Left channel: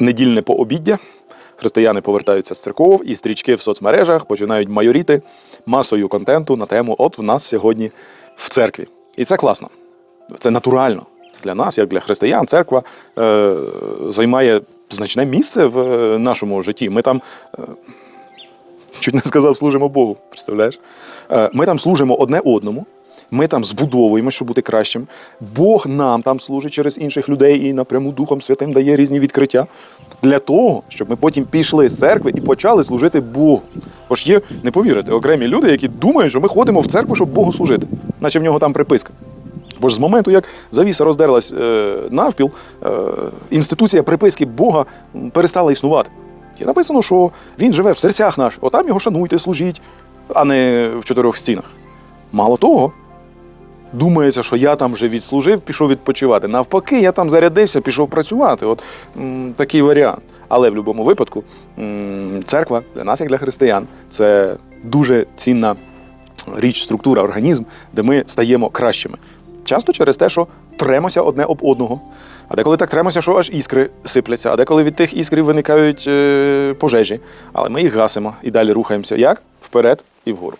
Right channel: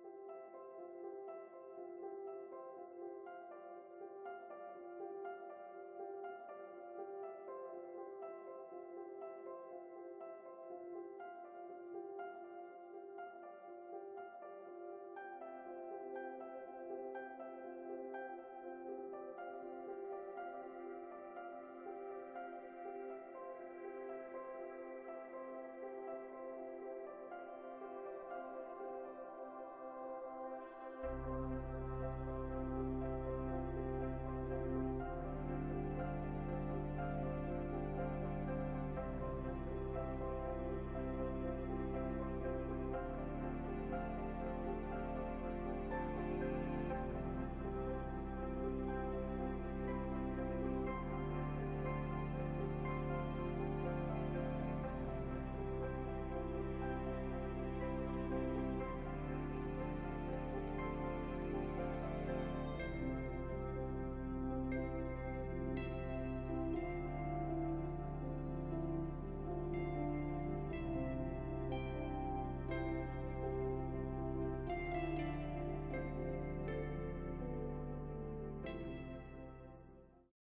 недільне пообіддя. Християни повертаються з церков, і стрічки в соцмережах починають майоріти масою контенту на тему От в нас сьогодні в церкві. І це класно. Це натурально. Для нас, як для християн, церква е, займає значне місце в е, нашому житті. Ми там, е, чуть не сказав, служимо Богу. Представляєш? Е, ми там служимо одне одному. Ми там збудовуємо, щоб бути кращим. Бог нам там служить через інших людей і напряму Духом Святим дає різні відкриття для того, щоб ми потім пішли з церкви і почали служити Богу. Бо ж є, не повірите, окремі люди, які думають, що ми ходимо в церкву, щоб Богу служити, наче в нього там приписка. Бо ж з моменту, як завіса роздерлась е, навпіл, е, інституція приписки Бога перестала існувати. І написано, що він живе в серцях наших, отам його шануйте, служіть, а не в чотирьох стінах. Мало того, думається, що я там вже відслужив, пішов відпочивати. Навпаки, я там зарядився, пішов працювати. От м, такий варіант. Але в будь-якому випадку м, церква для нас, як для християн, це дуже цінна річ, структура, організм, де ми стаємо кращими. Часто через те, що тремося одне об одного. А деколи так тремося, що аж іскри сипляться, а деколи від тих іскрів виникають е, пожежі. Але ми їх гасимо і далі рухаємося як? Вперед і вгору.